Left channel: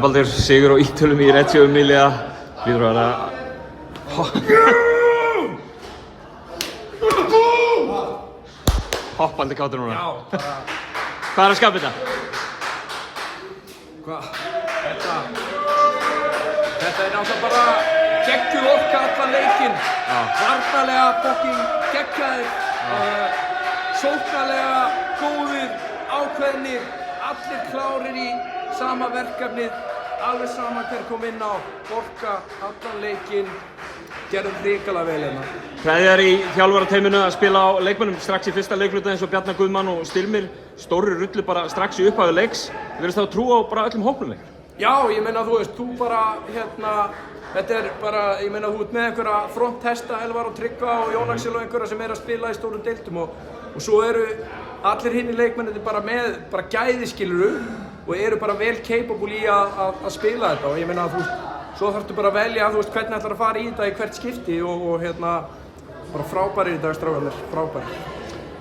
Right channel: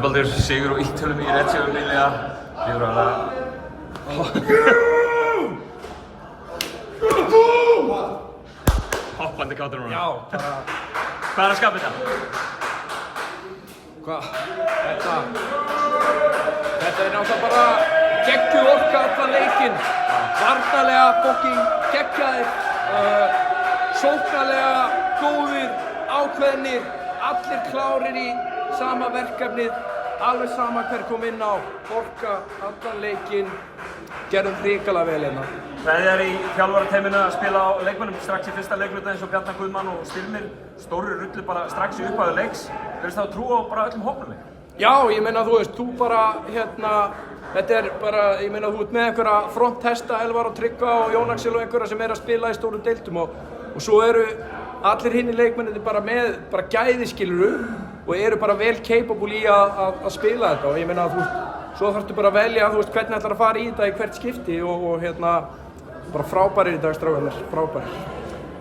Baldur, sigur á Ítölum í Reggio Emilia. Líður að hoppandi kátur núna. Já, bara... Hvað er að skapa þetta? Hvað? Þetta er náttúrulega bara geggjuð orka allan leikinn. Varnarlega fucking geggjaðir. Sóknarlega góðir, ákveðnir. Allir klárir í sama verkefnið. Alveg sama hver kom inn á. Orka allan leikinn. Gerðum hrikalega vel hérna. Hvað er í þjálfarateyminu að spila á leikmönnum strax í fyrsta leikluta eins og Bjarni Guðmann og Styrmir? Stóru rullu bara strax í upphafi leiks. Þú veist þá að trúa á bara öllum hópnum leik? Já, ég meina þú veist, þú bara þetta er bara, ég meina þú ert með einhverja fronthesta, Elvar og Tryggva og Jón Axel og einhverja sem að spila í stórum deildum og svo eru allir hinni leikmennir bara með gæði skiluru og eru bara vel capable í að spila þetta og ég meina þú veist, svo þarftu bara að velja þú veist hvernig ætlar að fara í þetta í hvert skipti og bara frábærir í dag strákarnir, frábærir.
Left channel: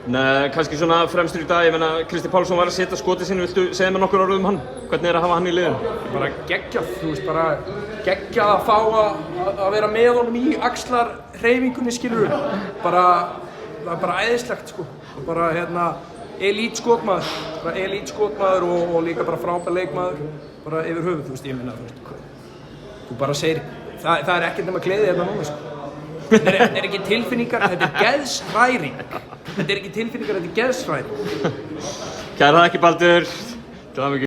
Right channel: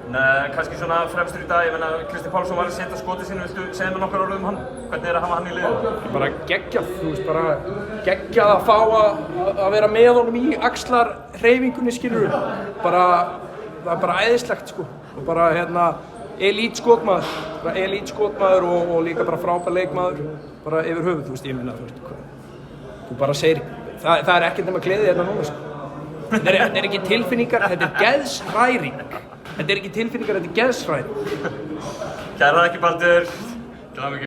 Kannski svona fremstur í dag, ég meina Kristinn Pálsson var að setja skotið sínu, viltu segja mér nokkur orð um hann? Hvernig er að hafa hann í liðinu? Bara geggjað, þú veist, bara geggjað að fá að vera með honum í axlarhreyfingunni skilurðu. Það er bara æðislegt sko og bara elít skotmaður og líka bara frábær leikmaður bara yfir höfuð, þú veist, ég meina, þú veist, þú bara segir, það er ekkert nema gleði hérna núna sko. Þetta er ekki tilfinningar, þetta er geðshræring. Þetta er ekki tilfinningar, þetta er geðshræring. Kæra þakkir Baldur.